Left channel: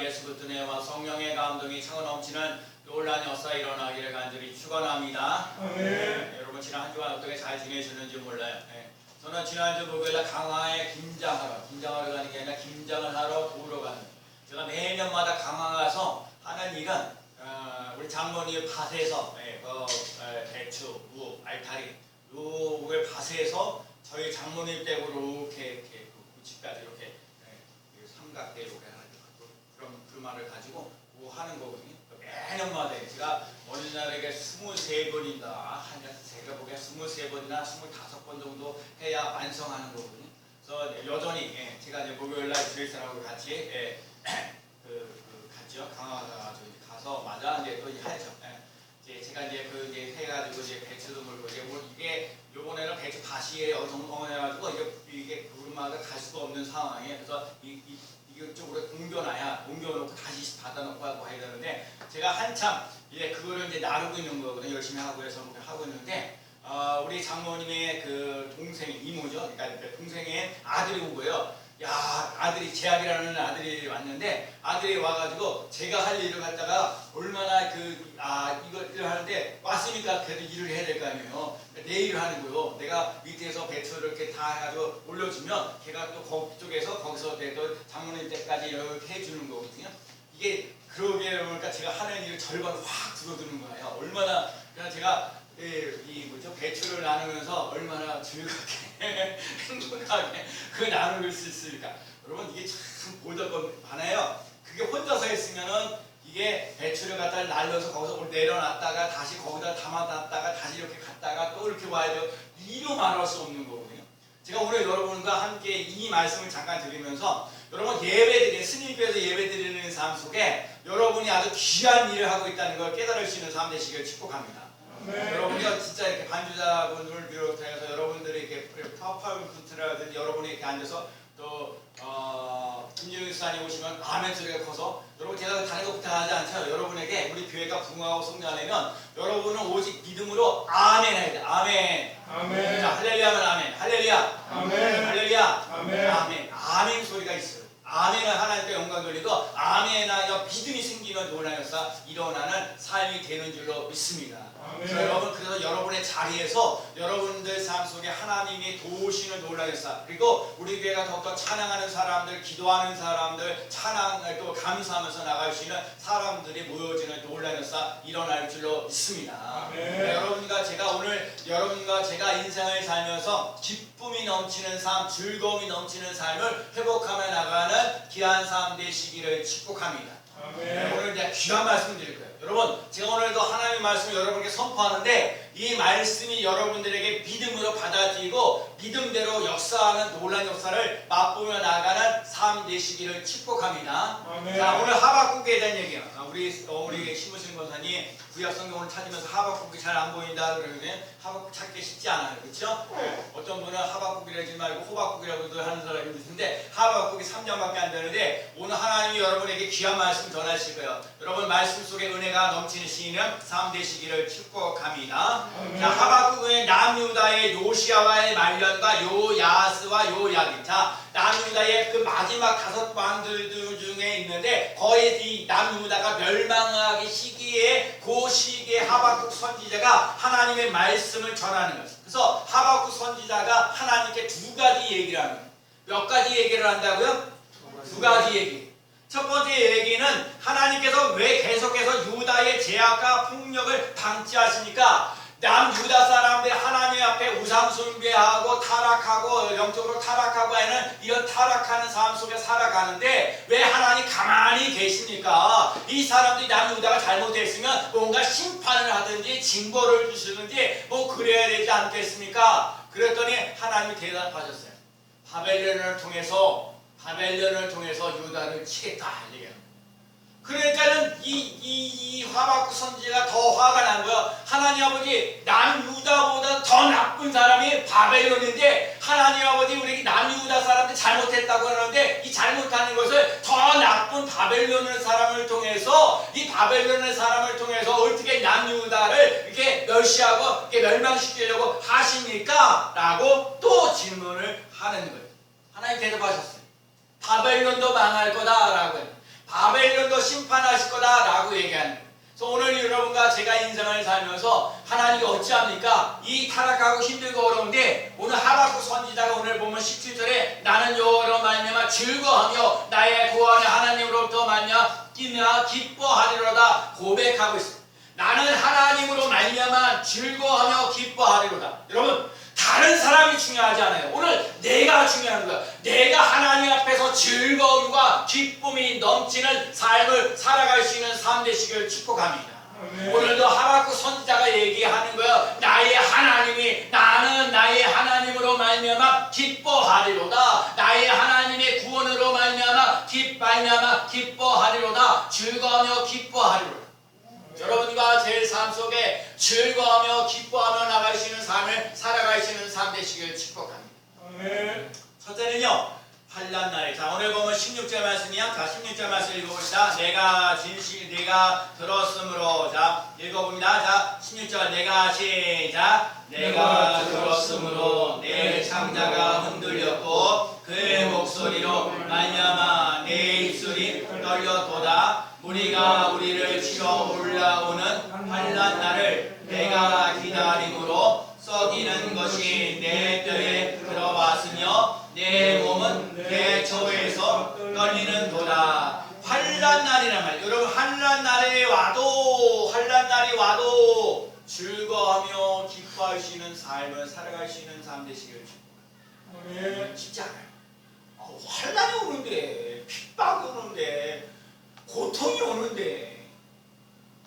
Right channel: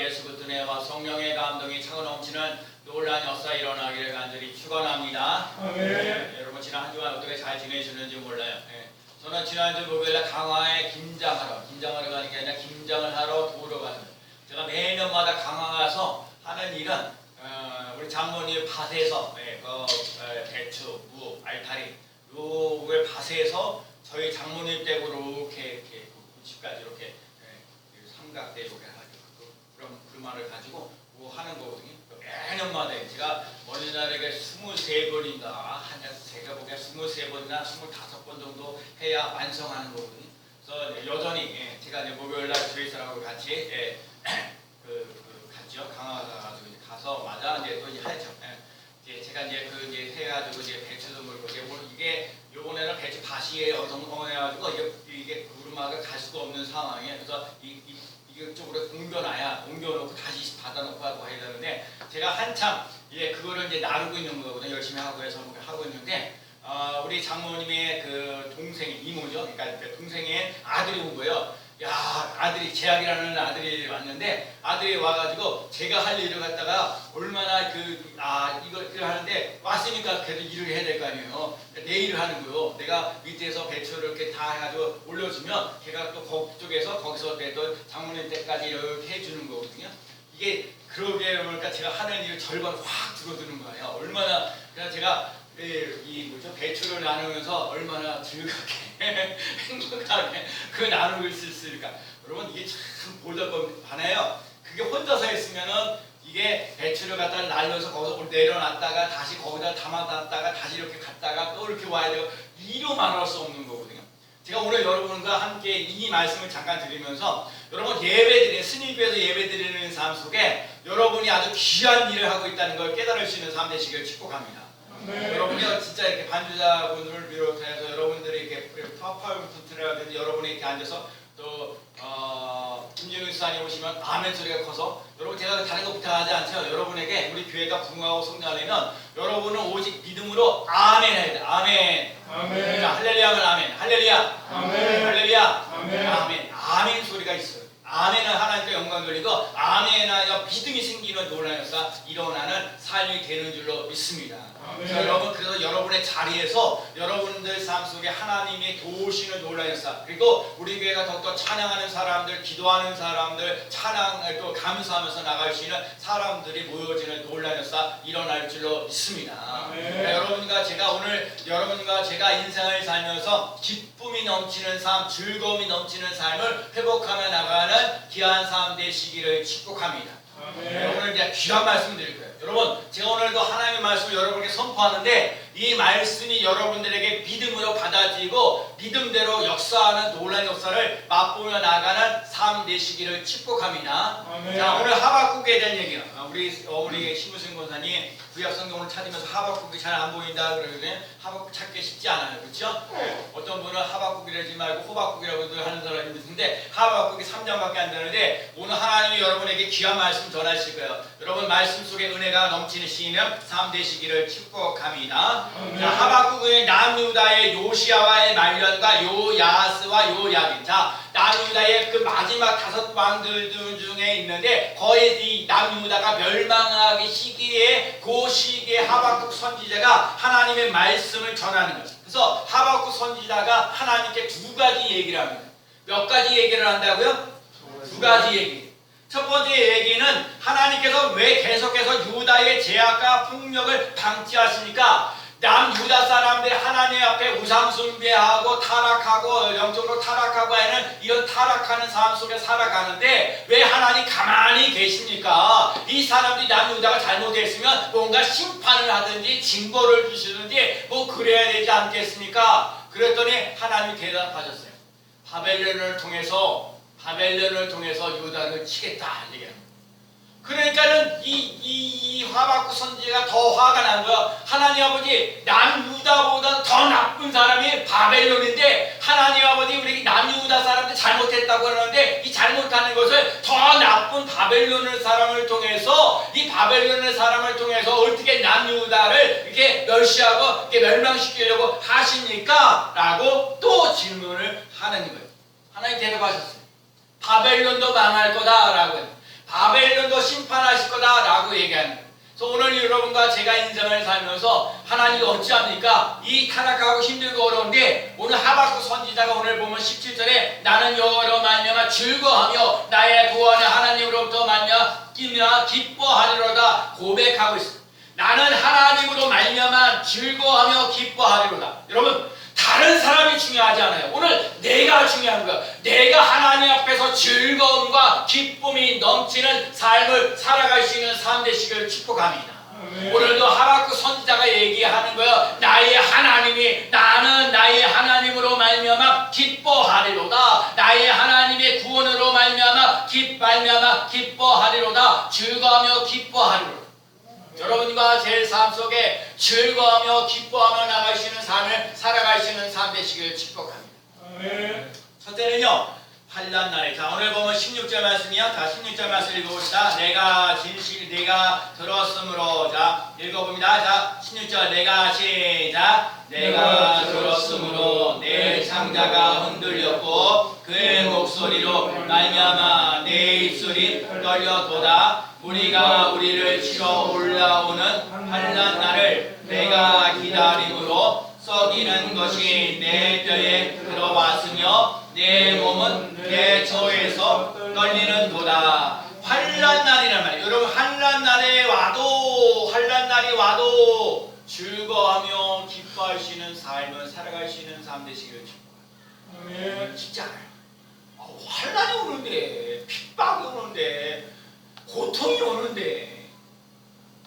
예수 그리스도의 성령의 감동이 차고 넘치는 놀라운 역사 일어나기를 간절히 축원합니다. 여러분 지난 한 주간 어떻게 잘 지내셨는지 몰라요. 저는 지난주 목요일날 강화에 김장하러 가는 게 아니라 김장을 하러 도우러 가는, 제가 매년마다 강화 가서 하는 일은 우리 장모님 밭에서 배추, 무, 알타리 요걸 밭에서 저희 장모님 댁으로 이렇게 집까지 이렇게 삼각대 이렇게 그런 그말을 가지고 뭐 하는 거거든요. 매년마다 제가 어느 날에게 23번인가 제가 보기에 23번이나 25번 정도 해야 완성하는 거거든요. 그래서 여전히 제가 이제 목요일날 주위 사람하고 같이 갔죠. 강화가 가서 마다 이제 또 하죠. 제가 이제 해가지고 배추도 물고 이게 요번에는 배추 밭이 엉성해가지고 이게 구름마가 갈 수가 없는 상황이에요. 그래서 이쪽으로 옮겨놓고 다시 받아놓고 하고 해야 되는데, 제가 한참 그거를 이제 나르고 있는 거거든요. 열심히 하고 해서 하고 있는데, 우리 장모님의 그 동생 이모죠. 그러니까 동생의 아들이 온 거예요. 아들이 재학이라는 아들이 왔는데, 아들이 와가지고 제가 할 일을 갖다가 얼마나 이걸 하는데 왔으니까 그래도 일을 해야 될 거 아니에요. 그러니까 내 일을 하는 거요. 내가 밑에서 배추를 이렇게 다 해가지고 올려주면 걔가 또 거기서 또 장모님 때까지 이렇게 해주는 거거든요. 이게 그러게 보니까 제가 하는 일을 절반 확 줄어드는 거예요. 얼마나 그냥 제가 배추를 나누면서 얼마나 즐겁게 행복하게 나누고 있을까. 여러분 이게 참 보잘것없네요. 그게 혼자서 했으면은 이게 배추를 갖다 날려서 거기서 내려놨다가 다시 거기다 담아놨다가 다시 이렇게 갔다가 또 이렇게 와야 되고 이로 말할 수 없는 거거든요. 제가 오늘 여러분과 함께 이 말씀을 잠깐 드리면서, 여러분 스님교회에서 예배드리는 삶 속에 여러분이 아주 귀한 일을 하고 있다는 걸 깨달을 수 있는 삶 되시길 축복합니다. 여러분이 진짜 이렇게 반주자분을 비롯해서 여러분들이 이렇게 파워포인트라든지 여러분이 이렇게 앉아서 또 김진우 수사님 오시면 아멘 소리가 커서, 여러분 제가 다른 거 부탁하지 않죠. 여러분에게 우리 교회가 부흥하고 성장하려면 여러분은 오직 믿음으로 아멘 해야 돼. 아멘. 아멘. 자, 할렐루야 하면 아멘. 할렐루야. 아멘. 할렐루야. 아멘. 아멘. 아멘 소리가 있어요. 아멘은 하나님께 영광 돌리고 아멘하여 믿음이 생기는 놀라운 역사 일어나는 삶이 되는 줄로 믿습니다. 그래서 여러분의 자리에서 여러분들 삶 속에 하나님이 도우시는 놀라운 역사, 그리고 우리 교회가 더욱더 찬양하는 사람들, 기도하는 사람들, 찬양을 또 감사하면서 나갈 수 있는 사람들이 모여지는 놀라운 역사 일어날 줄로 믿습니다. 여러분과 제가 인생을 살면서 기쁨이 넘치는 삶, 즐거움이 넘치는 삶을 회복하며 나가는 귀한 삶 되시기를 축복합니다. 오늘 이제 귀한 말씀 드릴 거예요. 여러분, 제가 오늘도 하나님의 말씀을 여러분에게 선포하는데, 이 말씀이 여러분들에게 믿음으로 받아들이고 믿음대로 역사하는 놀라운 역사를 맛보며 나가는 삶 되시기를 축복합니다. 자, 오늘 하박국에 대한 얘기예요. 우리 심우승 권사님 구약 성경을 찾으면서 하박국이 잘 안 보인다 그러면 하박국 찾기 쉽지 않아요. 그렇죠? 어떤 분은 하박국이라지 말고 호박국이라고도 하는 사람이 있는데, 하박국이 3장밖에 안 되는데 오늘 하나님이 여러분에게 귀한 말씀 전하실 거예요. 여러분 말씀 속에 은혜가 넘치는 삶 되시기를 축복합니다. 자, 하박국은 남유다의 요시야와의 말년과 요야스와 요야긴. 자, 남유다의 그 마지막 5 왕들 중에 있는데, 거의 이 남유다가 멸망하기 시기에 그 시기에 하박국 선지자가 하나님의 말씀을 전하는 거죠. 그래서 하박국 선지자가 하나님께 2가지 얘기를 합니다. 몇 가지 얘기를 한다고요? 2가지 얘기. 첫 번째 얘기는 하나님께서 왜 계속해서 유다의 제약과 폭력을 방치하십니까? 남유다 사람들이 하나님 앞에 우상 숭배하고 타락하고 영적으로 타락하고 하는 이런 타락하는 삶 속에 살아가는데 왜 하나님 가만히 계십니까? 이 사람들이 남유다가 잘못했으면 뭔가 심판을 하든지 징벌을 주시든지 뭐 그래야 되지 않겠습니까? 그랬더니 하나님이 대답하셨어요. 바벨론을 통해서 유다를 치겠다 얘기합니다. 그러니까는 이 하박국 선지자가 더 화가 난 거야. 하나님 아버지, 남유다보다 더 나쁜 사람이 바벨론인데 하나님 아버지, 우리 남유다 사람들 잘못했다고 그러는데 이 잘못하는 것을 더 나쁜 바벨론 사람을 통해서 어떻게 남유다를 이렇게 멸시하고 이렇게 멸망시키려고 하십니까? 라고 또 질문을 하는 거예요. 하나님 대답하셨어요. 바벨론도 망할 거다라고 해요. 바벨론도 심판하실 거다라고 얘기하는 거예요. 그래서 오늘 여러분과 제가 인생을 살면서 하나님이 어찌합니까? 이 타락하고 힘들고 어려운데 오늘 하박국 선지자가 오늘 보면 17절에 나는 여호와로 말미암아 즐거워하며 나의 구원의 하나님으로부터 말미암아 기뻐하리로다 고백하고 있습니다. 나는 하나님으로 말미암아 즐거워하며 기뻐하리로다. 여러분 다른 사람이 중요하지 않아요. 오늘 내가 중요한 거야. 내가 하나님 앞에서 즐거움과 기쁨이 넘치는 삶을 살아갈 수 있는 삶 되시길 축복합니다. 오늘도 하박국 선지자가 얘기하는 거야. 나의 하나님이 나는 나의 하나님으로 말미암아 기뻐하리로다. 나의 하나님의 구원으로 말미암아 기뻐하리로다. 즐거워하며 기뻐하리로다. 여러분과 제 삶 속에 즐거워하며 기뻐하며 나갈 수 있는 삶을 살아갈 수 있는 삶 되시길 축복합니다. 아멘. 첫째는요, 환난 날에. 자, 오늘 보면 16절 말씀이요. 자, 16절 말씀 읽어봅시다. 내가 들었으므로. 자, 읽어봅니다. 자, 16절 내가 시작. 내가 들었으므로 내 창자가 흔들렸고 그의 목소리로 말미암아 내 입술이 떨려도다. 무리가 우리를 치러 올라오는 환난 날을 내가 기다림으로 썩이는 것이 내 뼈에 들어왔으며 내 몸은 내 처에서 떨리는 도다. 환난 날이란 말이에요. 여러분 환난 날이 와도 즐거워하며 기뻐할 수 있는 삶을 살아갈 수 있는 삶 되시길 축복합니다. 진짜 환난이 오는데 핍박이 오는데 고통이 오는데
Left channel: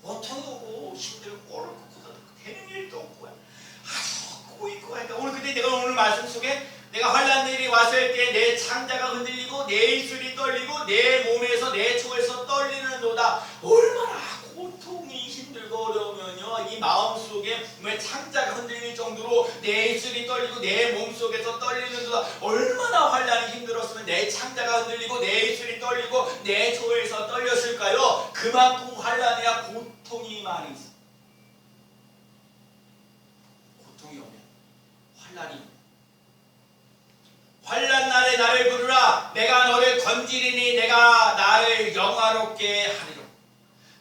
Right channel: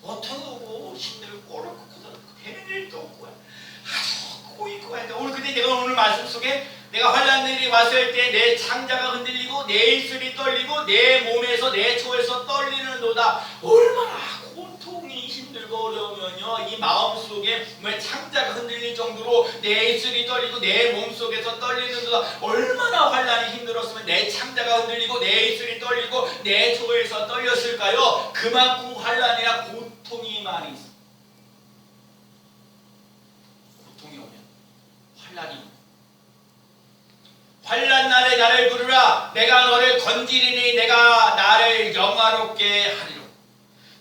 고통이 오고 힘들고 어렵고 되는 일도 없고 아주 꼬이고 하는데 오늘 근데 내가 오늘 말씀 속에 내가 환난들이 왔을 때 내 창자가 흔들리고 내 입술이 떨리고 내 몸에서 내 초에서 떨리는 도다. 얼마나 고통이 힘들고 어려우면요 이 마음속에 창자가 흔들릴 정도로 내 입술이 떨리고 내 몸속에서 떨리는 도다. 얼마나 환난이 힘들었으면 내 창자가 흔들리고 내 입술이 떨리고 내 초에서 떨렸을까요? 그만큼 환난이나 고통이 많이 있어. 고통이 오면 환난 날에 나를 부르라. 내가 너를 건지리니 내가 나를 영화롭게 하리로.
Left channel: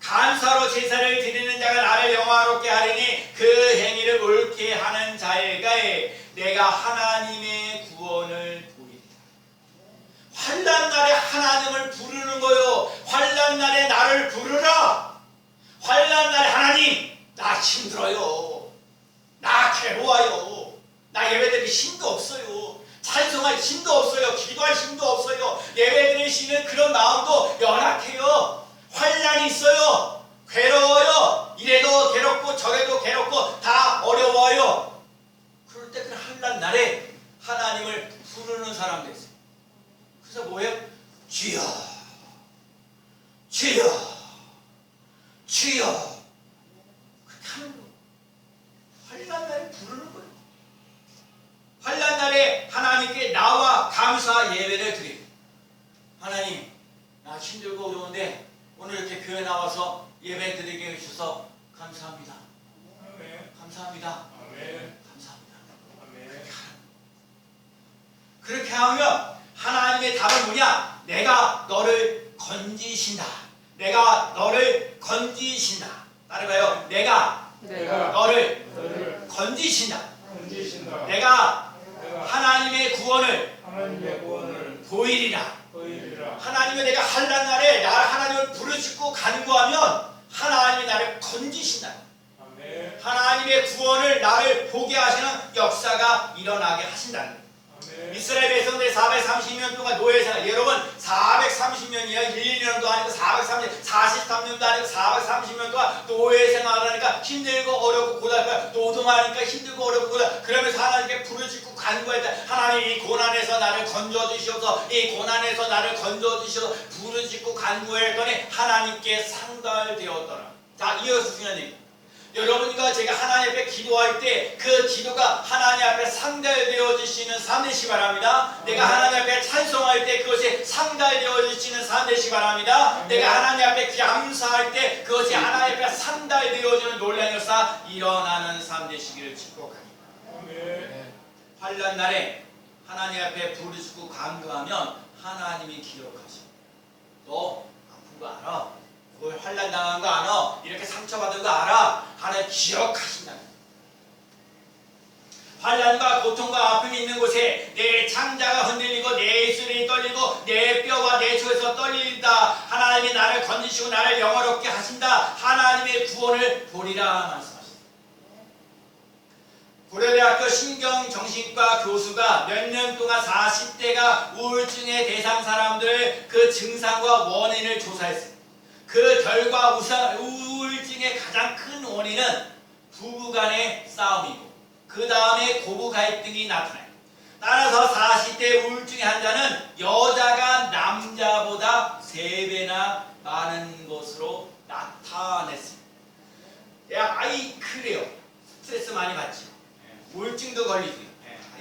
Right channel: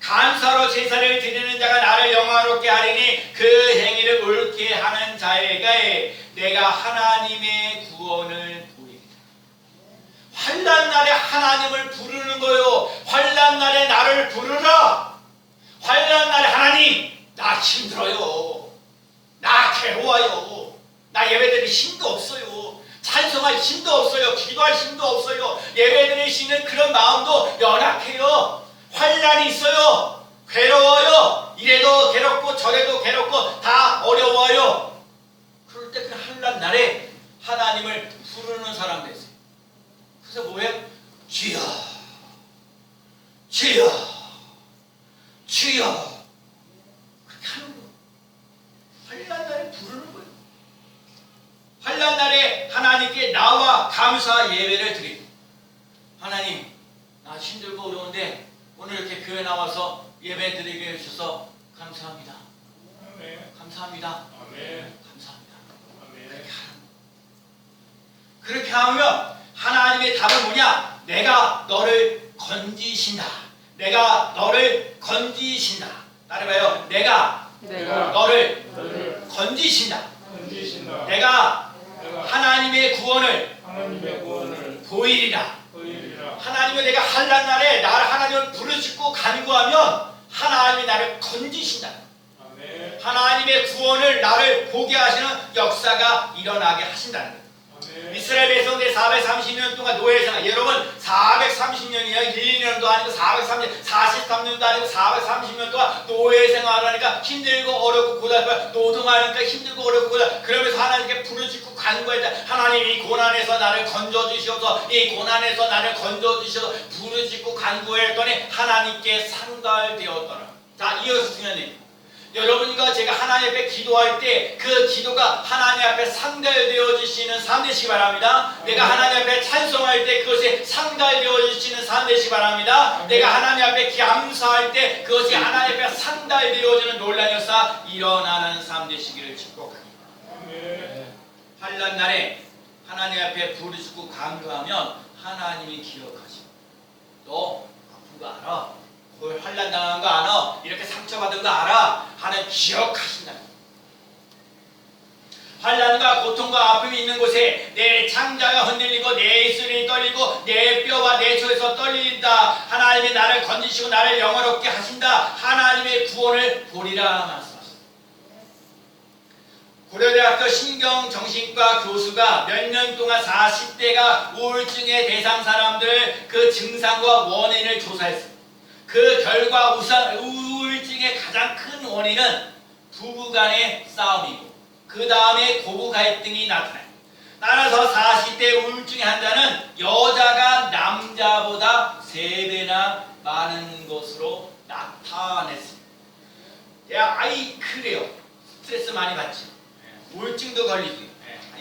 감사로 제사를 드리는 자가 나를 영화롭게 하리니 그 행위를 옳게 하는 자에게 내가 하나님의 구원을 보이리라. 환난 날에 하나님을 부르는 거요. 환난 날에 나를 부르라. 환난 날에 하나님 나 힘들어요. 나 괴로워요. 나 예배드릴 힘도 없어요. 찬송할 힘도 없어요. 기도할 힘도 없어요. 예배드릴 수 있는 그런 마음도 연약해요. 환난이 있어요. 괴로워요. 이래도 괴롭고 저래도 괴롭고 다 어려워요. 그럴 때 그 환난 날에 하나님을 부르는 사람 됐어요. 그래서 뭐예요? 주여 주여 주여 그렇게 하는 거예요. 환난 날에 부르는 거예요. 환난 날에 하나님께 나와 감사 예배를 드립니다. 하나님 나 힘들고 어려운데 오늘 이렇게 교회 나와서 예배 드리게 해주셔서 감사합니다. 아멘. 감사합니다. 아멘. 감사합니다. 아멘. 그렇게 하면 하나님의 답은 뭐냐? 내가 너를 건지신다. 내가 너를 건지신다. 따라해봐요. 내가 너를 건지신다. 건지신다. 내가 하나님의 구원을 보이리라. 하나님을 내가 환난 날에 나를 하나님을 부르짖고 간구하면 하나님이 나를 건지신다. 아멘. 하나님의 구원을 나를 보게 하시는 역사가 일어나게 하신다는 거예요. 이스라엘 백성들이 430년 동안 노예 생활. 여러분 430년이요 1, 2년도 아니고 43년도 아니고 430년 동안 노예 생활하니까 힘들고 어렵고 고달파. 노동하니까 힘들고 어렵고 고달. 그러면서 하나님께 부르짖고 간구했다. 하나님 이 고난에서 나를 건져주셔서 이 고난에서 나를 건져주셔서 부르짖고 간구했더니 하나님께 상달되었더라. 자, 이어서 승현님, 여러분과 제가 하나님 앞에 기도할 때 그 기도가 하나님 앞에 상달되어지시는 삶 되시기 바랍니다. 내가 하나님 앞에 찬송할 때 그것이 상달되어지시는 삶 되시기 바랍니다. 내가 하나님 앞에 감사할 때 그것이 하나님 앞에 상달되어지는 놀라운 역사 일어나는 삶 되시기를 축복합니다. 환난 날에 하나님 앞에 부르짖고 간구하면 하나님이 기억하시고 너 아픈 거 환난당한 거 아나? 이렇게 상처받은 거 알아? 하나님 기억하신다. 환난과 고통과 아픔이 있는 곳에 내 창자가 흔들리고 내 입술이 떨리고 내 뼈와 내 속에서 떨린다. 하나님이 나를 건지시고 나를 영화롭게 하신다. 하나님의 구원을 보리라 말씀하셨습니다. 고려대학교 신경정신과 교수가 몇 년 동안 40대가 우울증의 대상 사람들 그 증상과 원인을 조사했습니다. 그 결과 우울증의 가장 큰 원인은 부부간의 싸움이고 그 다음에 고부 갈등이 나타나요. 따라서 40대 우울증의 환자는 여자가 남자보다 3배나 많은 것으로 나타냈습니다. 야, 아이 그래요. 스트레스 많이 받지. 우울증도 걸리고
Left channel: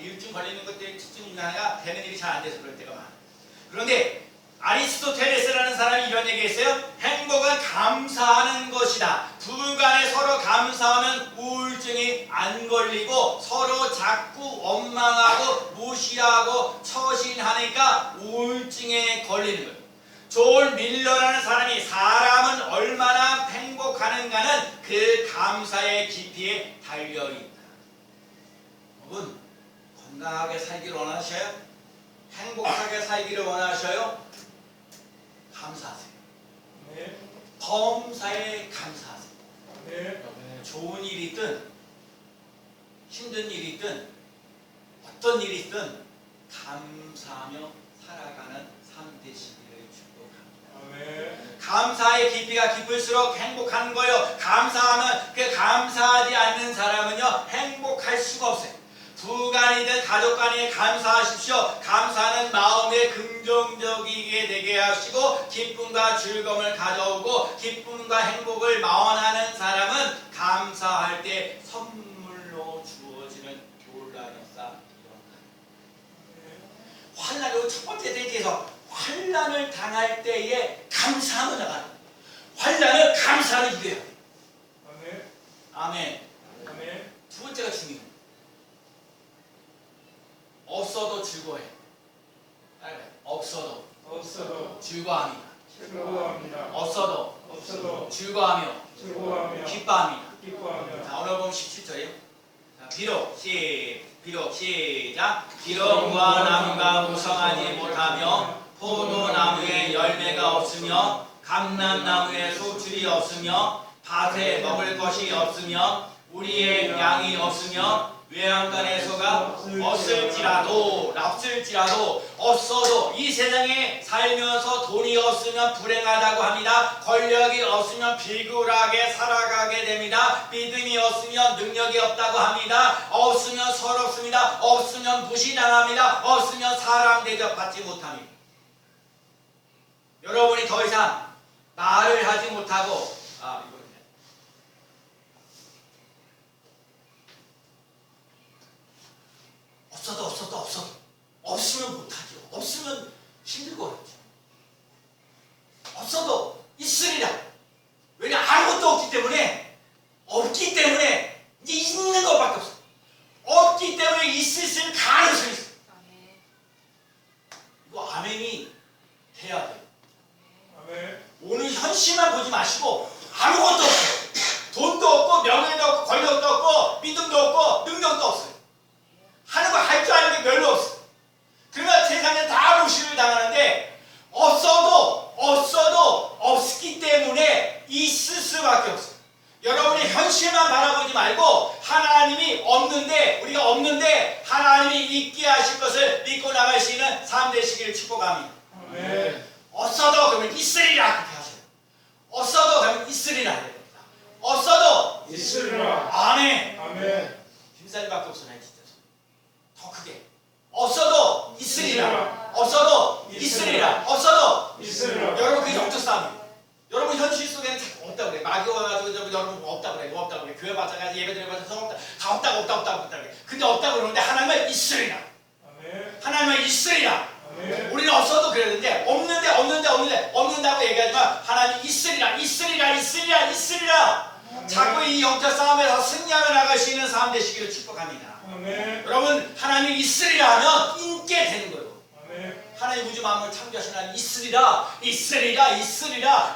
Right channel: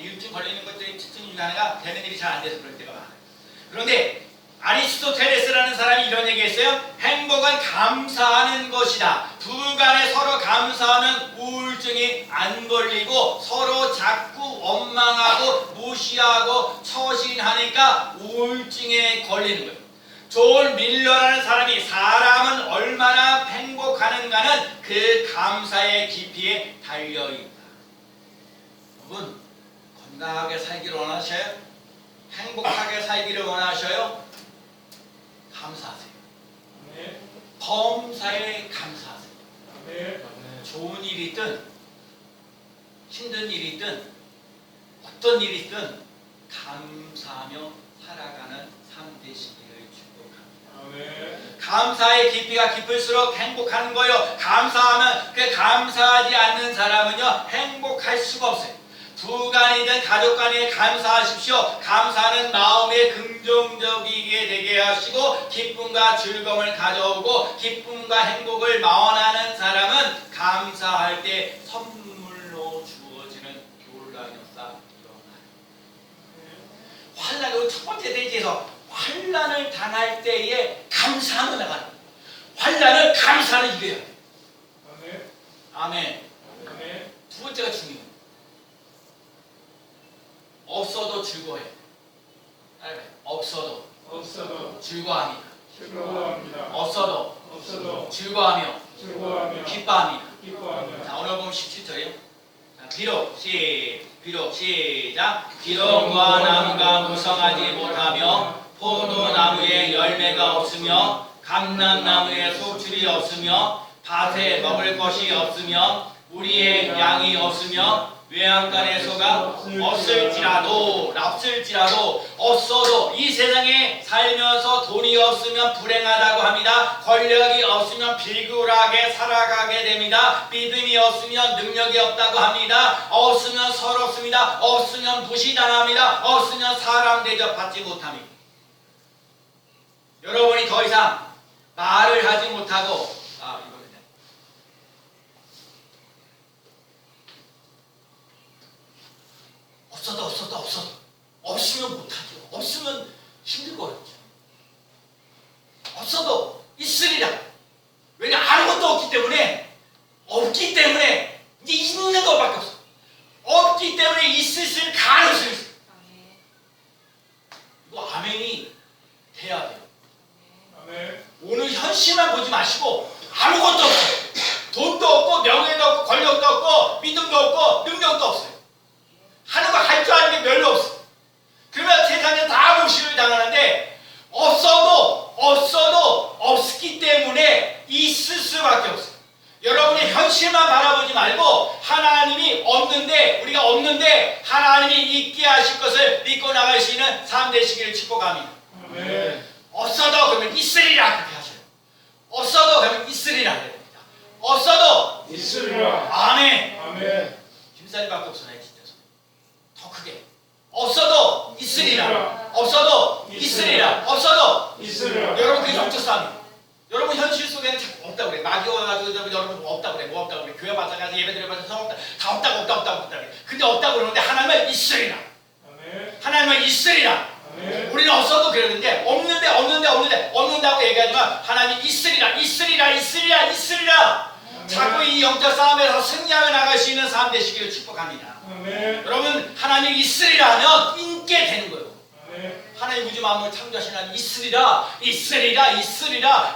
우울증 걸리는 것들이 특징 중에 하나가 되는 일이 잘 안 돼서 그럴 때가 많아요. 그런데 아리스토텔레스라는 사람이 이런 얘기했어요. 행복은 감사하는 것이다. 부부간에 서로 감사하면 우울증이 안 걸리고 서로 자꾸 원망하고 무시하고 처신하니까 우울증에 걸리는 거예요. 존 밀러라는 사람이 사람은 얼마나 행복하는가는 그 감사의 깊이에 달려있다. 여러분 건강하게 살기를 원하셔요? 행복하게 살기를 원하셔요? 감사하세요. 아멘. 범사에 감사하세요. 아멘. 좋은 일이든 힘든 일이든 어떤 일이든 감사하며 살아가는 삶 되시기를 축복합니다. 아멘. 감사의 깊이가 깊을수록 행복한 거예요. 감사하면 그 감사하지 않는 사람은요 행복할 수가 없어요. 부부간이든 가족간에 감사하십시오. 감사는 마음에 긍정적이게 되게 하시고 기쁨과 즐거움을 가져오고 기쁨과 행복을 마원하는 사람은 감사할 때 선물로 주어지는 놀라운 역사 일어나요. 환난의 첫 번째 대지에서 환난을 당할 때에 감사하며 나가는 거예요. 환난은 감사를 이겨야 돼요. 아멘. 아멘. 아멘. 두 번째가 중요해요. 없어도 즐거워해. 없어도 즐거워합니다. 즐거워합니다. 없어도 즐거워하며 기뻐합니다. 자, 오늘 보면 17절이에요. 비록 시작. 비록 무화나무가 무성하지 못하며 포도나무에 열매가 없으며 감람나무에 소출이 없으며 밭에 먹을 것이 없으며 우리의 양이 없으며 외양간의 소가 없을지라도 없어도 이 세상에 살면서 돈이 없으면 불행하다고 합니다. 권력이 없으면 비굴하게 살아가게 됩니다. 믿음이 없으면 능력이 없다고 합니다. 없으면 서럽습니다. 없으면 무시당합니다. 없으면 사람 대접받지 못합니다. 여러분이 더 이상 말을 하지 못하고 없어도 없으면 못하죠. 없으면 힘들고 어렵죠. 없어도 있으리라. 왜냐 아무것도 없기 때문에 이제 있는 것밖에 없어. 없기 때문에 있을 가능성이 있어. 이거 아멘이 돼야 돼요. 아멘. 오늘 현실만 보지 마시고 아무것도 없어요. 돈도 없고 명예도 없고 권력도 없고 믿음도 없고 능력도 없어요. 하는 거 할 줄 아는 게 별로 없어. 그러면 세상에 다 무시를 당하는데 없어도 없기 때문에 있을 수밖에 없어요. 여러분이 현실만 바라보지 말고 하나님이 우리가 없는데 하나님이 있게 하실 것을 믿고 나갈 수 있는 삶 되시기를 축복합니다. 아멘. 없어도 그러면 있으리라 그렇게 하셔요. 없어도 그러면 있으리라 그럽니다. 없어도 있으리라. 아멘. 아멘. 김살밖에 없어요. 더 크게 없어도 있으리라. 없어도 있으리라. 없어도 있으리라. 여러분 그게 영적 싸움이에요. 여러분 현실 속에는 자꾸 없다고 그래. 마귀 와가지고 여러분 없다고 그래. 뭐 없다고 그래. 교회 마찬가지 예배 드려 봐서 없다. 다 없다고 그래. 근데 없다고 그러는데 하나님은 있으리라. 아멘. 하나님은 있으리라. 아멘. 우리는 없어도 그러는데 없는다고 얘기하지만 하나님이 있으리라. 자꾸 이 영적 싸움에서 승리하며 나갈 수 있는 삶 되시기를 축복합니다. 아멘. 여러분 하나님이 있으리라 하면 있게 되는 거예요. 아멘. 하나님 우주 만물을 창조하신 하나님 있으리라.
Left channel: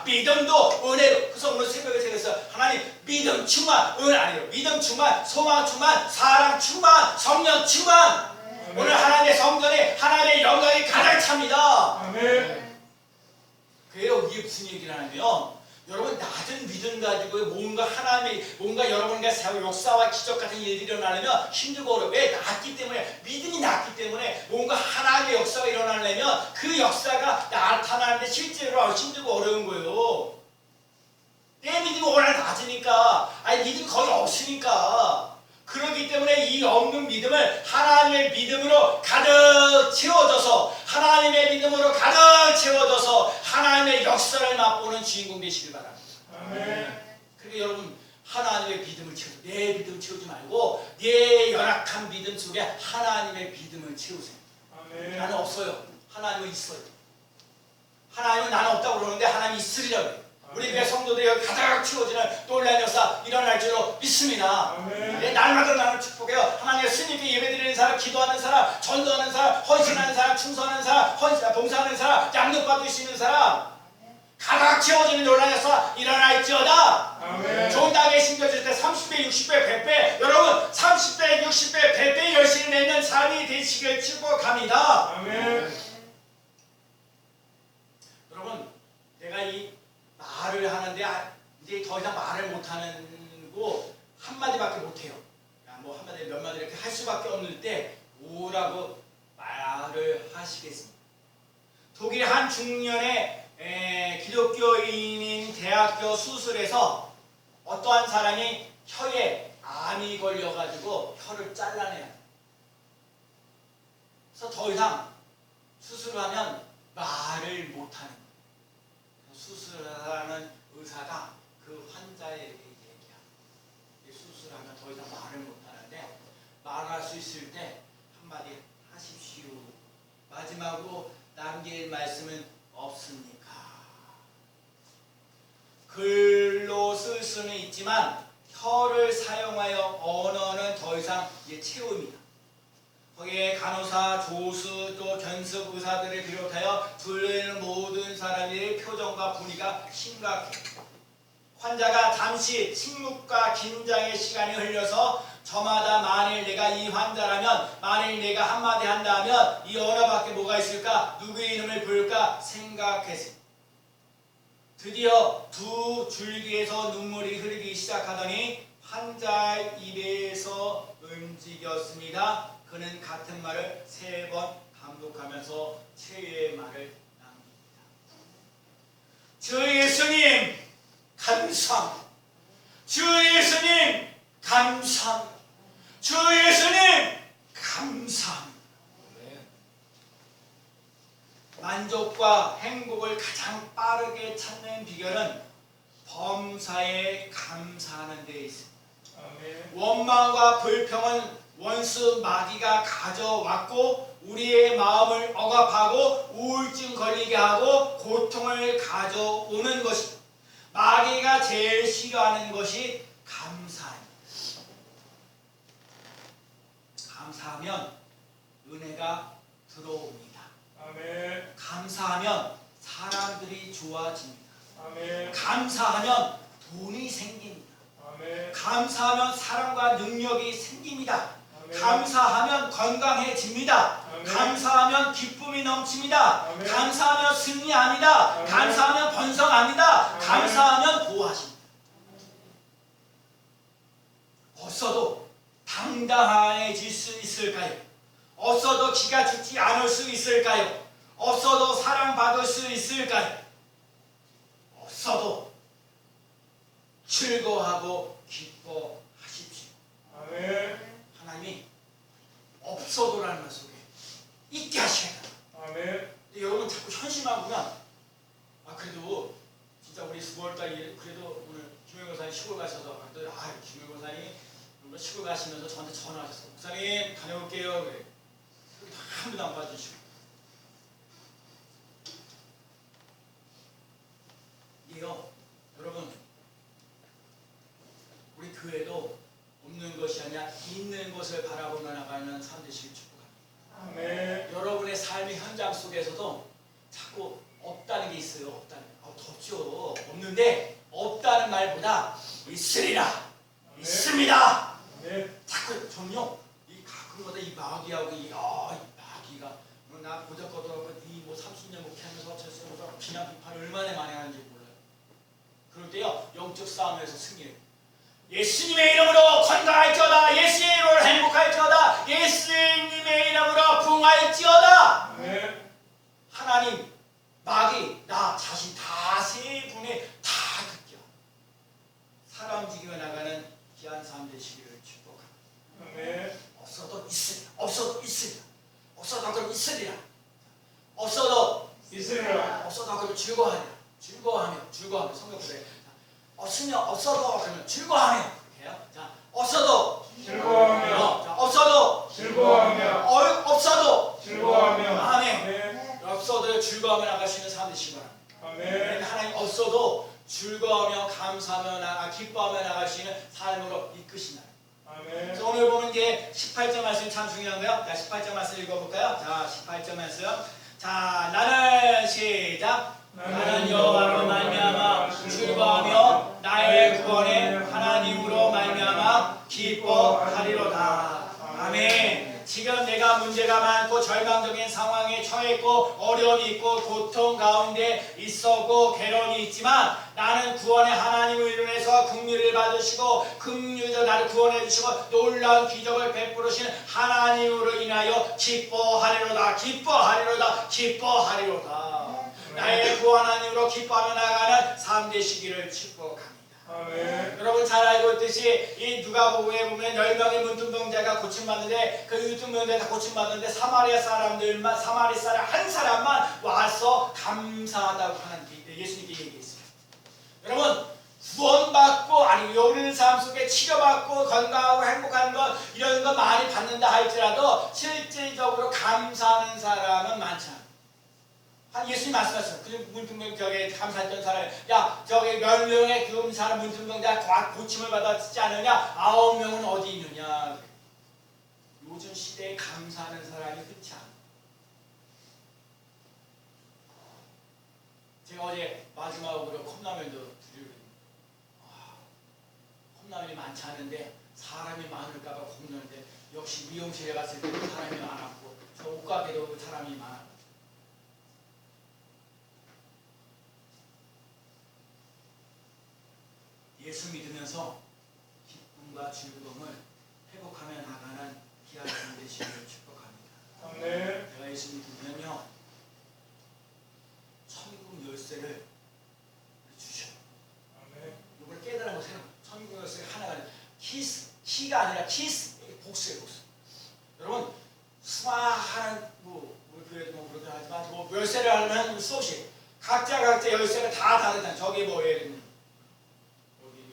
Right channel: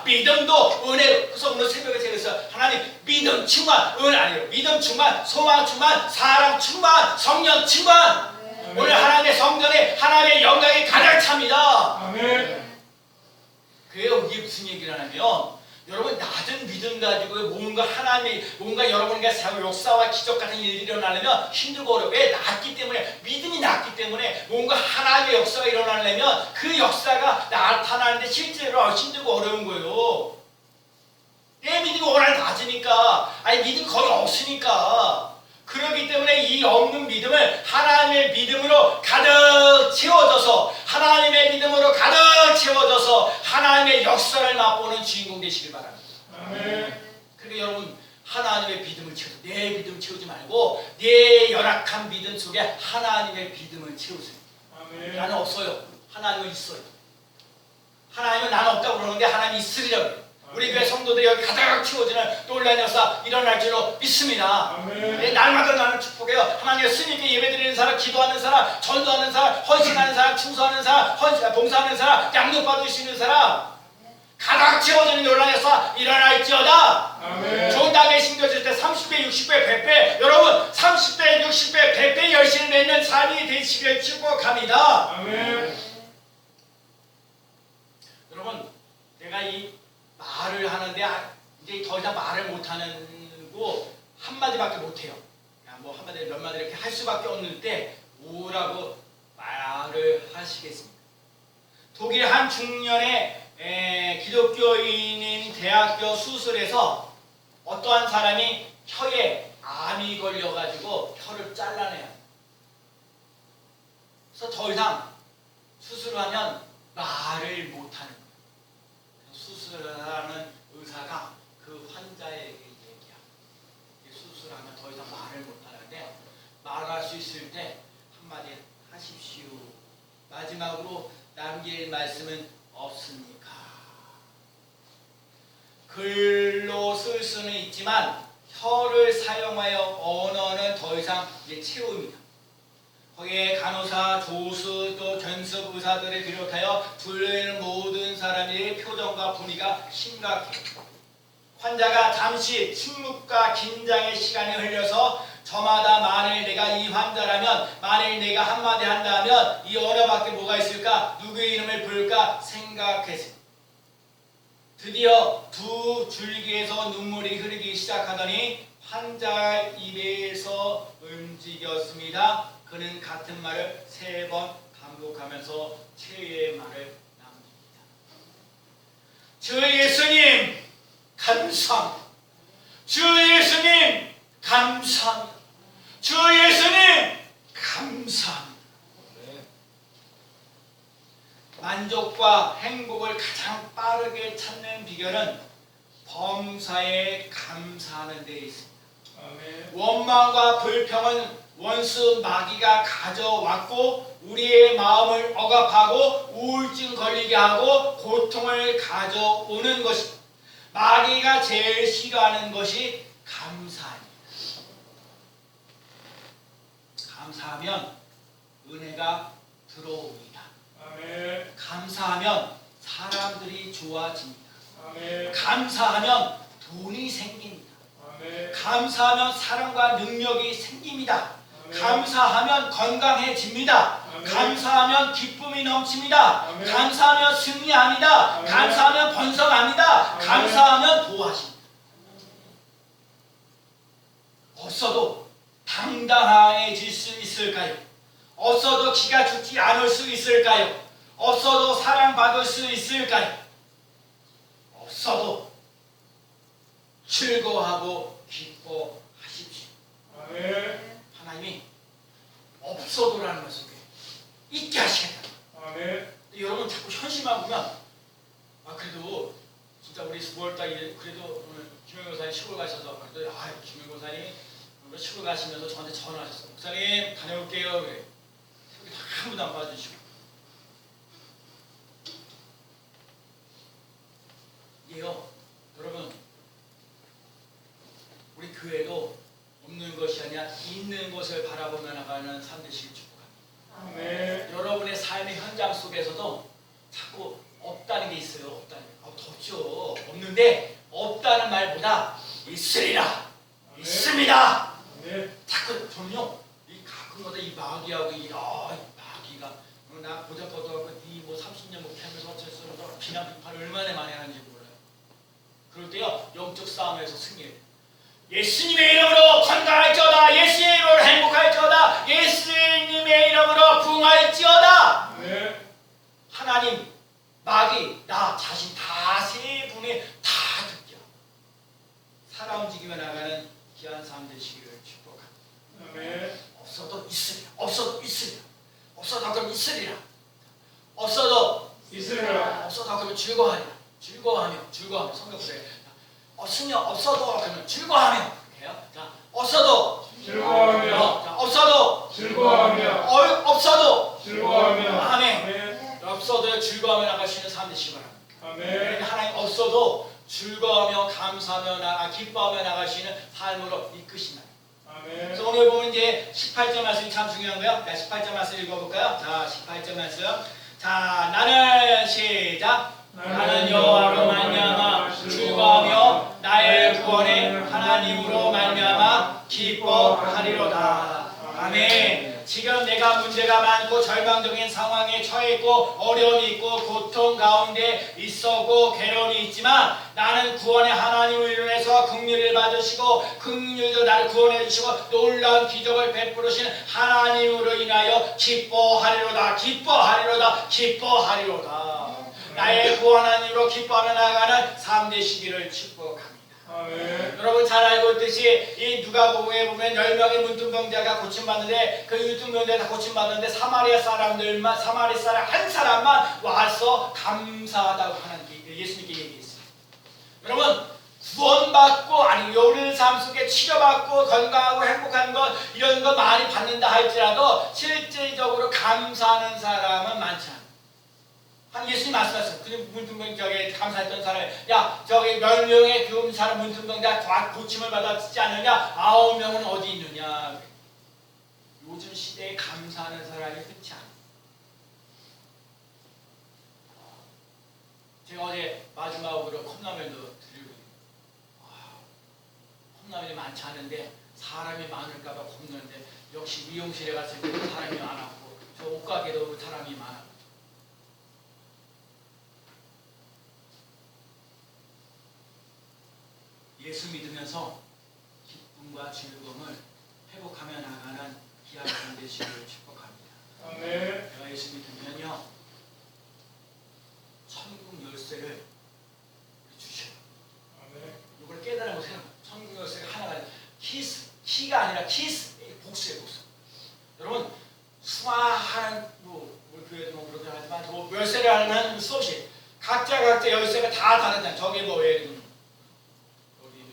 믿음도 은혜로. 그래서 오늘 새벽에 새겨서 하나님 믿음 충만, 은 아니에요. 믿음 충만, 소망 충만, 사랑 충만, 성령 충만. 오늘 하나님의 성전에 하나님의 영광이 가득 찹니다. 아멘. 그래요. 이게 무슨 얘기를 하냐면 여러분 낮은 믿음 가지고 뭔가 여러분과 역사와 기적 같은 일들이 일어나려면 힘들고 어려워. 왜? 낮기 때문에, 믿음이 낮기 때문에 뭔가 하나님의 역사가 일어나려면 그 역사가 나타나는데 실제로 힘들고 어려운 거예요. 내 믿음이 워낙 낮으니까, 믿음이 거의 없으니까. 그렇기 때문에 이 없는 믿음을 하나님의 믿음으로 가득 채워져서 하나님의 역사를 맛보는 주인공 되시길 바랍니다. 아멘. 그러니까 여러분 하나님의 믿음을 채우세요. 내 믿음 채우지 말고 내 열악한 믿음 속에 하나님의 믿음을 채우세요. 아멘. 나는 없어요. 하나님은 있어요. 하나님은 나는 없다고 그러는데 하나님이 있으리라고 해요. 우리 교회 성도들이 여기 가득 채워지는 놀라운 역사 일어날 줄로 믿습니다. 아멘. 날마다 나는 축복해요. 하나님의 스님께 예배드리는 사람, 기도하는 사람, 전도하는 사람, 헌신하는 사람, 충성하는 사람, 봉사하는 사람, 양육받으시는 사람, 가득 채워지는 놀라운 역사 일어날지어다. 아멘. 좋은 다음에 심겨질 때 30배, 60배, 100배, 여러분 30배, 60배, 100배 열심히 맺는 삶이 되시길 축복합니다. 아멘. 여러분 내가 이 말을 하는데 이제 더 이상 말을 못하고 한마디밖에 못해요. 뭐 한마디 몇 마디 이렇게 할 수밖에 없는데 뭐라고 말을 하시겠습니까? 독일 한 중년의 기독교인인 대학교 수술에서 어떠한 사람이 혀에 암이 걸려가지고 혀를 잘라내요. 그래서 더 이상 수술을 하면 말을 못하는 거예요. 수술하는 의사가 그 환자에게 얘기합니다. 수술하면 더 이상 말을 못하는데 말할 수 있을 때 한마디 하십시오. 마지막으로 남길 말씀은 없습니까? 글로 쓸 수는 있지만 혀를 사용하여 언어는 더 이상 채웁니다. 거기에 간호사, 조수, 또 견습 의사들을 비롯하여 둘레는 모든 사람의 표정과 분위기가 심각해요. 환자가 잠시 침묵과 긴장의 시간이 흘려서 저마다 만일 내가 이 환자라면, 만일 내가 한마디 한다면 이 언어밖에 뭐가 있을까? 누구의 이름을 부를까? 생각했어요. 드디어 두 줄기에서 눈물이 흐르기 시작하더니 환자 입에서 움직였습니다. 그는 같은 말을 3번 반복하면서 최후의 말을 남깁니다. 주 예수님 감사합니다. 주 예수님 감사합니다. 주 예수님 감사합니다. 만족과 행복을 가장 빠르게 찾는 비결은 범사에 감사하는 데 있습니다. 아멘. 원망과 불평은 원수 마귀가 가져왔고 우리의 마음을 억압하고 우울증 걸리게 하고 고통을 가져오는 것입니다. 마귀가 제일 싫어하는 것이 감사입니다. 감사하면 은혜가 들어옵니다. 아멘. 감사하면 사람들이 좋아집니다. 아멘. 감사하면 돈이 생깁니다. 아멘. 감사하면 사랑과 능력이 생깁니다. 아멘. 감사하면 건강해집니다. 아멘. 감사하면 기쁨이 넘칩니다. 아멘. 감사하면 승리합니다. 아멘. 감사하면 번성합니다. 아멘. 감사하면 보호하십니다. 없어도 당당해질 수 있을까요? 없어도 기가 죽지 않을 수 있을까요? 없어도 사랑받을 수 있을까요? 없어도 즐거워하고 기뻐하십시오. 아멘. 하나님이 없어도라는 말 속에 있게 하시겠다. 아멘. 여러분 자꾸 현실만 보면 그래도 진짜 우리 9월달에 그래도 오늘 김영호 목사님 시골 가셔서 그래도 김영호 목사님이 시골 가시면서 저한테 전화하셨어요. 목사님 다녀올게요. 그래. 새벽에 다 아무도 안 봐주시고. 이게요 여러분 우리 교회도 없는 것이 아니라 있는 것을 바라보며 나가는 삶 되시길 축복합니다. 아멘. 여러분의 삶의 현장 속에서도 자꾸 없다는 게 있어요. 없다는 게. 덥죠. 없는데 없다는 말보다 있으리라. 있습니다. 자꾸 저는요 이 가끔마다 이 마귀하고 이 마귀가 나 보잘것없고 이뭐 30년 목회하면서 어째서 비난 비판을 얼마나 많이 하는지 몰라요. 그럴 때요 영적 싸움에서 승리해요. 예수님의 이름으로 건강할지어다. 예수님의 이름으로 행복할지어다. 예수님의 이름으로 부흥할지어다. 하나님 마귀 나 자신 다 세 분이 다 듣게 살아 움직이며 나가는 귀한 삶 되시기를 축복합니다. 없어도 있으리라. 없어도 있으리라. 없어도 그럼 있으리라. 없어도 있으리라. 없어도 그러면 즐거워하리라. 즐거워하며 성경보세요. 없어도 그러면 즐거워하며 그래요. 자 없어도 즐거워하며. 자 없어도 즐거워하며. 없어도 즐거워하며. 아멘. 없어도 즐거워하며 나가시는 삶 되시기 바랍니다. 아멘. 하나님 없어도 즐거워하며 감사하며 기뻐하며 나가시는 삶으로 이끄신다. 아멘. 그래서 오늘 보면 이제 18절 말씀이 참 중요한 거예요. 자, 18절 말씀 읽어볼까요? 자, 18절 말씀. 자, 나는 시작. 나는 여호와로 말미암아 즐거워하며 나의 구원의 하나님으로 말미암아 기뻐하리로다. 아멘. 지금 내가 문제가 많고 절망적인 상황에 처해 있고 어려움이 있고 고통 가운데 있었고 괴로움이 있지만 나는 구원의 하나님을 인해서 긍휼을 받으시고 긍휼로 나를 구원해 주시고 놀라운 기적을 베푸시는 하나님으로 인하여 기뻐하리로다. 기뻐하리로다. 기뻐하리로다. 나의 구원 하나님으로 기뻐하며 나가는 삶 되시기를 축복합니다. 아멘. 여러분 잘 알고 있듯이 이 누가복음에 보면 10명의 문둥병자가 고침받는데 그 문둥병자가 고침받는데 사마리 사람 한 사람만 와서 감사하다고 하는 예수님께 얘기했어요. 여러분 구원받고 아니 요리 삶 속에 치료받고 건강하고 행복한 것 이런 거 많이 받는다 할지라도 실질적으로 감사하는 사람은 많지 않아요. 예수님 말씀하셨어요. 그 문둥병자에게 감사했던 사람, 야 저기 10명의 그 사람 문둥병자 고침을 받았지 않느냐? 9명은 어디 있느냐? 요즘 시대에 감사하는 사람이 흔치 않아요. 제가 어제 마지막으로 컵라면도 드리거든요. 컵라면이 많지 않은데 사람이 많을까봐 겁나는데 역시 미용실에 갔을 때 사람이 많았고 저 옷가게도 사람이 많았고 예수 믿으면서 기쁨과 즐거움을 회복하며 나가는 귀한 삶 되시기를 축복합니다. 아멘. 내가 예수 믿으면요 천국 열쇠를 주셔요. 아멘. 이걸 깨달아 보세요. 천국 열쇠가 하나가 아니라 키가 아니라 복수예요. 복수. 여러분 수많은 우리 교회도 그렇게 하지만 열쇠를 하는 수없이 각자 열쇠가 다 다르잖아요. 저기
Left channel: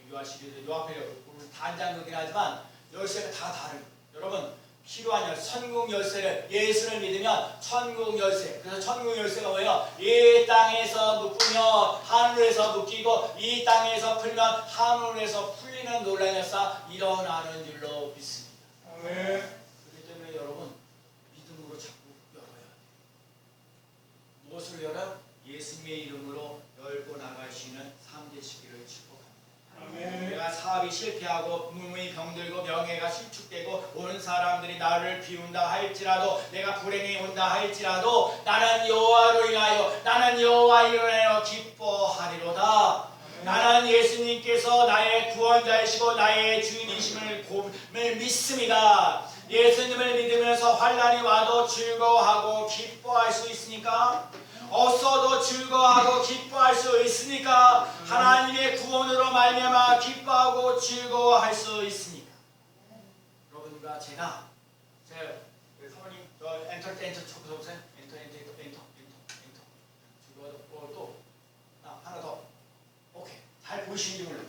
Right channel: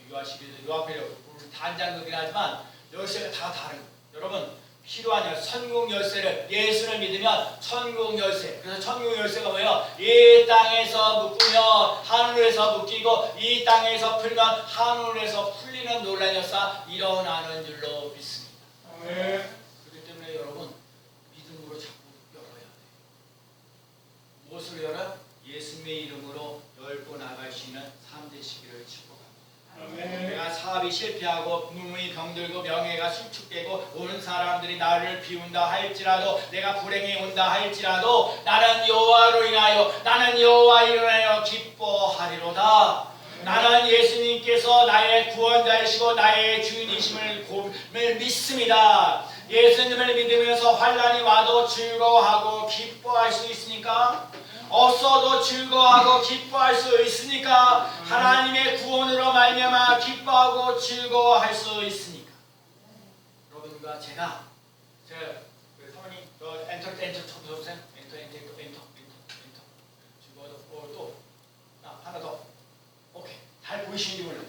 유아시리도 유아페리도 단장극이긴 하지만 열쇠가 다 다른 거예요. 여러분 필요한 천국 열쇠를 예수를 믿으면 천국 열쇠. 그래서 천국 열쇠가 뭐예요? 이 땅에서 묶으면 하늘에서 묶이고 이 땅에서 풀면 하늘에서 풀리는 놀라운 역사 일어나는 줄로 믿습니다. 아멘. 그렇기 때문에 여러분 믿음으로 자꾸 열어야 돼요. 무엇을 열어? 예수님의 이름으로 열고 나갈 수 있는 삶 되시기를 축복합니다. 아멘. 내가 사업이 실패하고 몸이 병들고 명예가 실축되고 오는 사람들이 나를 비운다 할지라도 내가 불행이 온다 할지라도 나는 여호와로 인하여 나는 여호와로 인하여 기뻐하리로다. 나는 예수님께서 나의 구원자이시고 나의 주인이심을 믿습니다. 예수님을 믿으면서 환난이 와도 즐거워하고 기뻐할 수 있으니까 없어도 즐거워하고 기뻐할 수 있으니까 하나님의 구원으로 말미암아 기뻐하고 즐거워할 수 있으니까 여러분과 제가 사모님 엔터 쳐보세요. 엔터 즐거워 또 하나 더 오케이 잘 보이시는지 몰라요.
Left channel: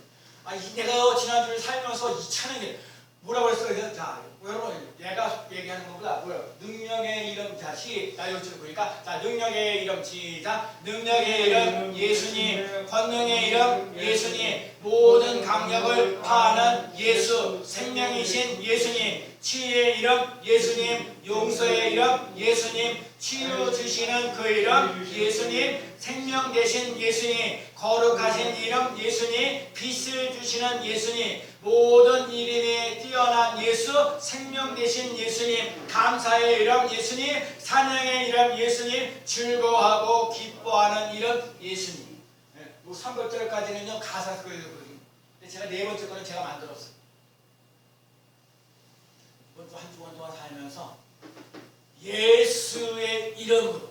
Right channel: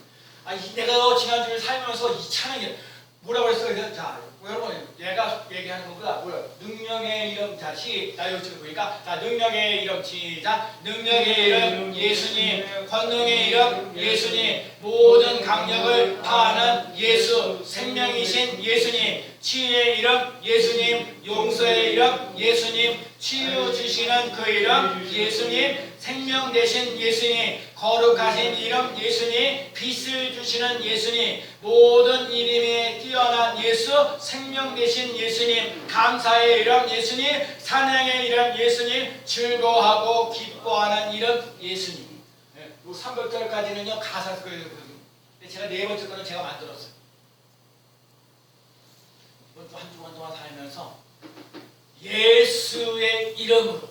내가 지난주에 살면서 이 찬양이 뭐라고 그랬어요? 자 여러분 내가 얘기하는 것보다 뭐야? 능력의 이름 자 나 이쪽에 보니까 자 능력의 이름 시작 능력의 이름 예수님 권능의 이름 예수님 모든 강력을 다하는 예수 생명이신 예수님 치유의 이름 예수님, 용서의 이름 예수님, 치유 주시는 그 이름 예수님, 생명 되신 예수님, 거룩하신 이름 예수님, 빛을 주시는 예수님, 모든 이름에 뛰어난 예수, 생명 되신 예수님, 감사의 이름 예수님, 찬양의 이름 예수님, 즐거워하고 기뻐하는 이름 예수님. 네, 300절까지는요 가사 소개거든요. 제가 네 번째 거는 제가 만들었어요. 이번 주 한 주간 동안 살면서 예수의 이름으로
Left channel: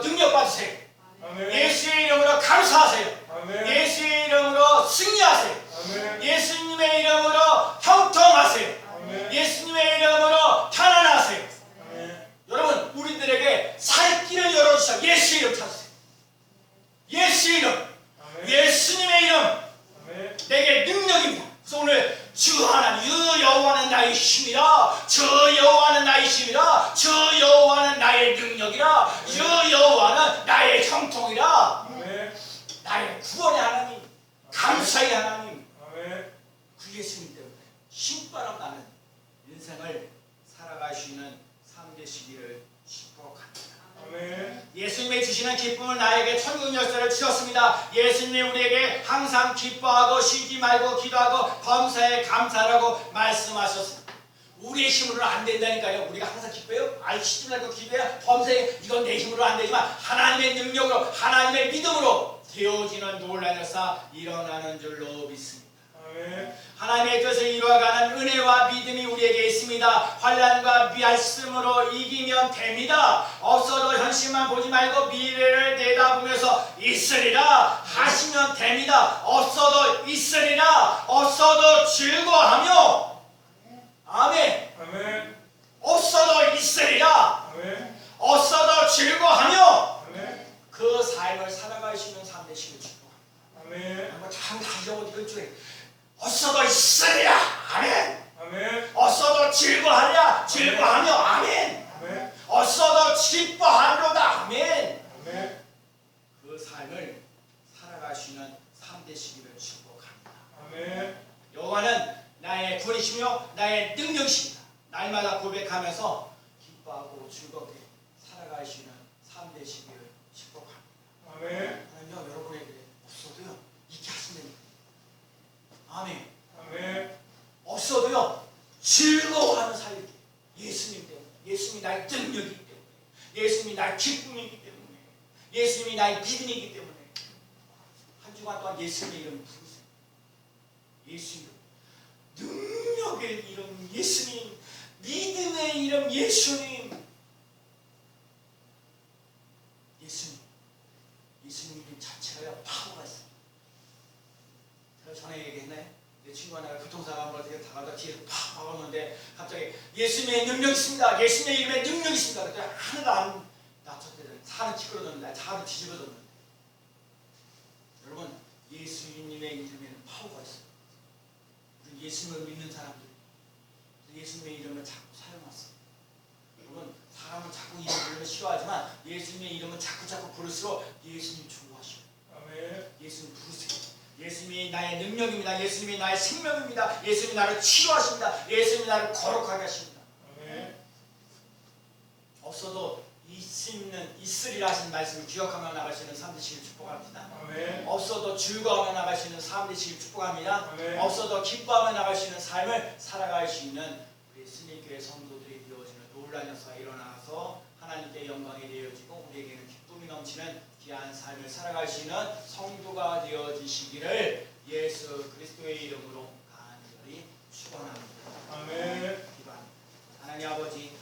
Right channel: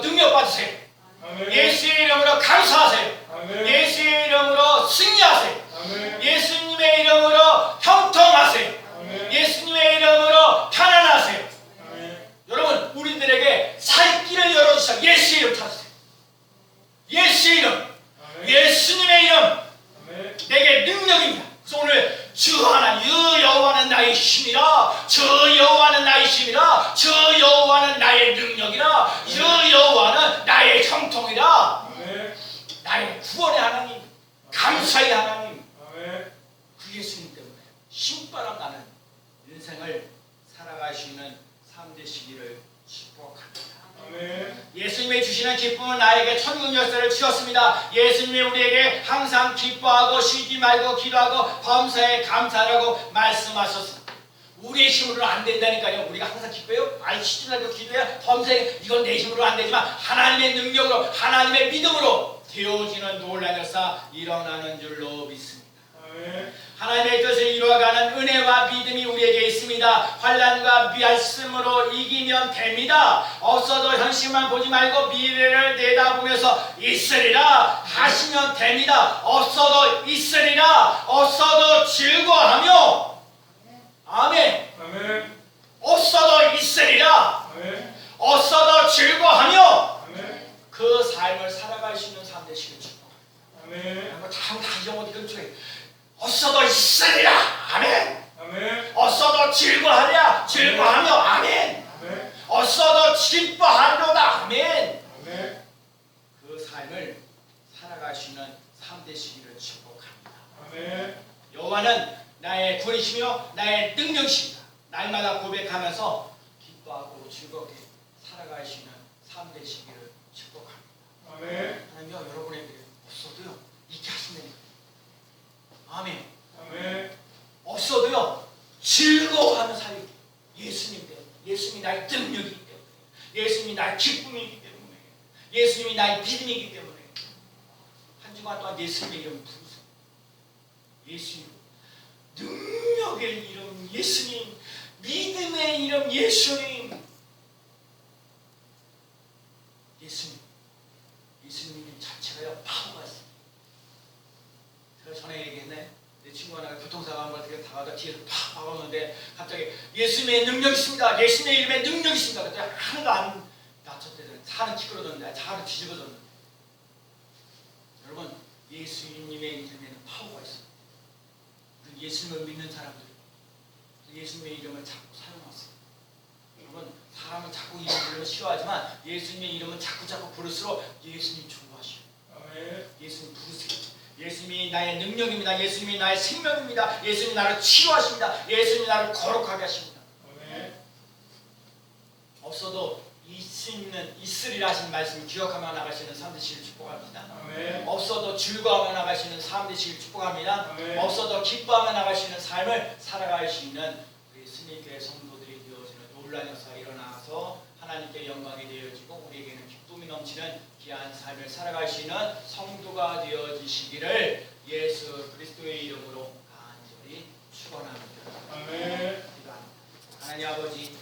능력 받으세요. 아멘. 예수의 이름으로 감사하세요. 아멘. 예수의 이름으로 승리하세요. 아멘. 예수님의 이름으로 형통하세요. 아멘. 예수님의 이름으로 편안하세요. 아멘. 여러분 우리들에게 살 길을 열어주셔. 예수의 이름 찾으세요. 예수의 이름, 아멘. 예수님의 이름 아멘. 내게 능력입니다. 그래서 오늘 주 하나님 여호와는 나의 힘이라, 주 여호와는 나의 힘이라, 주 여호와는 나의 능력이라, 주 여호와는 나의 형통이라. 아멘. 나의 구원의 하나님, 감사의 하나님, 아멘. 그 예수님 때문에 신바람 나는 인생을 살아갈 수 있는 삶 되시기를 축복합니다. 아멘. 예수님이 주시는 기쁨은 나에게 천국 열쇠를 주셨습니다. 예수님이 우리에게 항상 기뻐하고 쉬지 말고 기도하고 범사에 감사하라고 말씀하셨습니다. 우리의 힘으로는 안 된다니까요. 우리가 항상 기뻐요? 아니 쉬지 말고 기도해 범사에, 이건 내 힘으로 안 되지만 하나님의 능력으로, 하나님의 믿음으로 되어지는 놀라운 역사 일어나는 줄로 믿습니다. 아멘. 하나님의 뜻을 이루어가는 은혜와 믿음이 우리에게 있습니다. 환난과 말씀으로 이기면 됩니다. 없어도 현실만 보지 말고 미래를 내다보면서 있으리라 하시면 됩니다. 없어도 있으리라, 없어도 즐거워하며, 아멘. 아멘. 없어도 있으리라, 아멘. 없어도 즐거워하며 아멘. 그 삶을 살아갈 수 있는 삶 되시길 축복합니다. 아멘. 한번 다 잊어버린 근처에 없어도 있으리라, 아멘. 아멘. 없어도 즐거워하랴, 즐거워하며, 아멘. 아멘. 없어도 기뻐하리로다, 아멘. 아멘. 그 삶을 살아갈 수 있는 삶 되시기를 축복합니다. 아멘. 여호와는 나의 구원이시며 나의 능력이십니다. 날마다 고백하면서 기뻐하고 즐겁게 살아갈 수 있는 삶 되시기를 축복합니다. 아멘. 하나님요, 여러분에게 없어도요 있게 하신다니까요. 아멘. 아멘. 없어도요 즐거워하는 삶이, 예수님 때문에, 예수님이 나의 능력이기 때문에, 예수님이 나의 기쁨이기 때문에, 예수님이 나의 믿음이기 때문에 한 주간 동안 예수님의 이름 부르세요. 예수님, 능력의 이름 예수님, 믿음의 이름 예수님, 예수님, 예수님 이름 자체가요 파워가 있어요. 제가 전에 얘기했네. 내 친구 하나가 교통사고 한 번 되게 다가다 뒤에서 팍 박았는데 갑자기 예수님의 능력이 있습니다. 예수님의 이름에 능력이 있습니다. 그때 하나도 안 다쳤대요. 차는 찌그러졌는데, 차는 뒤집어졌는데. 여러분, 예수님의 이름에는 파워가 있어요. 우리 예수님을 믿는 사람들, 예수님의 이름을 자꾸 사용하세요. 여러분, 사람은 자꾸 이름 부르면 싫어하지만 예수님의 이름은 자꾸 부를수록 예수님 좋아하셔요. 아멘. 예수님 부르세요. 예수님이 나의 능력입니다. 예수님이 나의 생명입니다. 예수님이 나를 치유하십니다. 예수님이 나를 거룩하게 하십니다. 아멘. 없어도 있으리라 하신 말씀을 기억하며 나가시는 삶 되시길 축복합니다. 아멘. 없어도 즐거워하며 나가시는 삶 되시길 축복합니다. 아멘. 없어도 기뻐하며 나가시는 삶을 살아갈 수 있는 우리 스님교회 성도들이 되어지는 놀라운 역사가 일어나서 하나님께 영광이 되어지고 우리에게는 기쁨이 넘치는 귀한 삶을 살아갈 수 있는 성도가 되어지시기를 예수 그리스도의 이름으로 간절히 축원합니다. 아멘. 기도합니다. 하나님 아버지,